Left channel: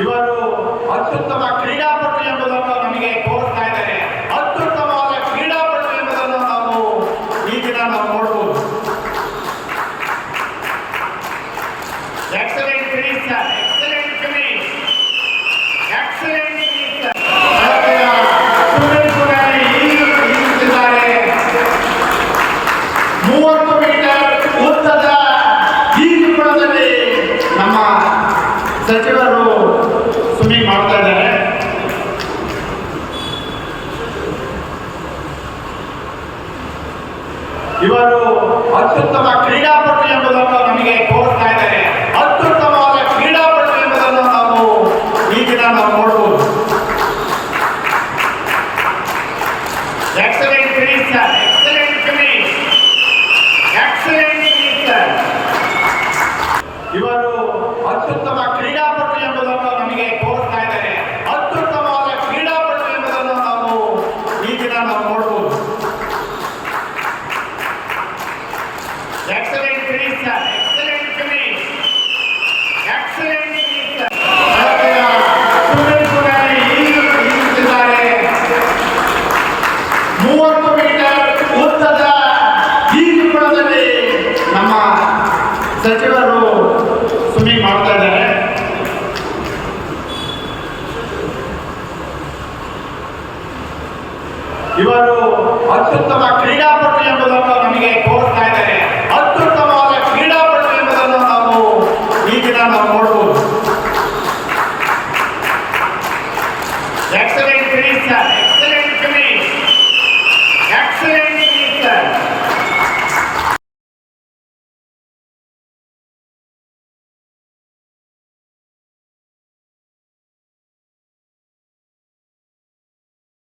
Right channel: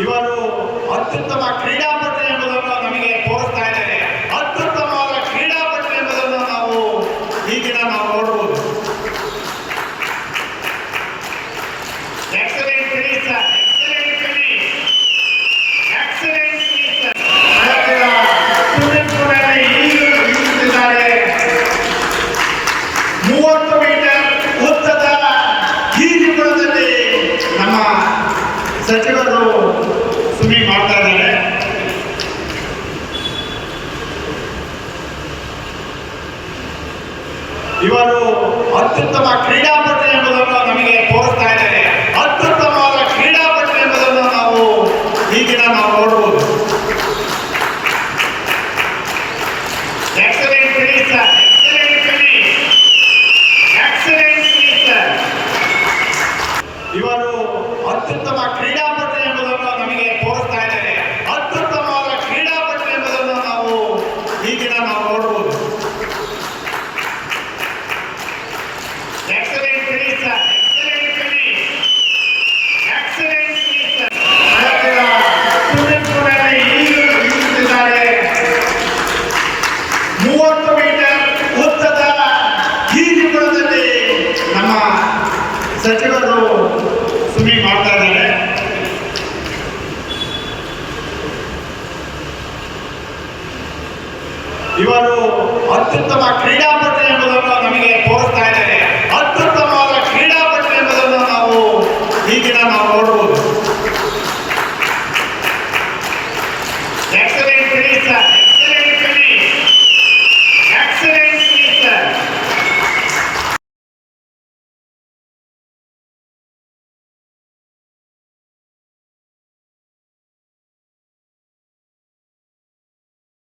ಇವರು ಅತ್ಯುತ್ತಮ ಕ್ರೀಡಾಪಟು ಎಂಬುದನ್ನು ನಮಗೆ ತೋರಿಸ್ತಾ ಇದ್ದಾರೆ. ಅತ್ಯುತ್ತಮವಾದ ಕ್ರೀಡಾಪಟು ಎಂಬುದನ್ನು ನಾವು ಈ ದಿನ ನಾವು ನೋಡಬಹುದು. Excellent finish sir, excellent finish, excellent finish sir. Swimming pool ಅಲ್ಲಿ ಈಜುತ್ತಿದ್ದಾರೆ. 30 ಮೀಟರ್ ಉದ್ದದ ಈಜುಕೊಳದಲ್ಲಿ ನಮ್ಮ ಸಚಿವರು ಸ್ವಿಮ್ಮಿಂಗ್ ಮಾಡ್ತಾ ಇದ್ದಾರೆ. ಇವರು ಅತ್ಯುತ್ತಮ ಕ್ರೀಡಾಪಟು ಎಂಬುದನ್ನು ನಮಗೆ ತೋರಿಸ್ತಾ ಇದ್ದಾರೆ. ಅತ್ಯುತ್ತಮವಾದ ಕ್ರೀಡಾಪಟು ಎಂಬುದನ್ನು ನಾವು ಈ ದಿನ ನಾವು ನೋಡಬಹುದು. Excellent finish sir, excellent finish, excellent finish sir. ಇವರು ಅತ್ಯುತ್ತಮ ಕ್ರೀಡಾಪಟು ಎಂಬುದನ್ನು ನಮಗೆ ತೋರಿಸ್ತಾ ಇದ್ದಾರೆ. ಅತ್ಯುತ್ತಮವಾದ ಕ್ರೀಡಾಪಟು ಎಂಬುದನ್ನು ನಾವು ಈ ದಿನ ನಾವು ನೋಡಬಹುದು. Excellent finish sir, excellent finish, excellent finish sir. Swimming pool ಅಲ್ಲಿ ಈಜುತ್ತಿದ್ದಾರೆ. 30 ಮೀಟರ್ ಉದ್ದದ ಈಜುಕೊಳದಲ್ಲಿ ನಮ್ಮ ಸಚಿವರು ಸ್ವಿಮ್ಮಿಂಗ್ ಮಾಡ್ತಾ ಇದ್ದಾರೆ. ಇವರು ಅತ್ಯುತ್ತಮ ಕ್ರೀಡಾಪಟು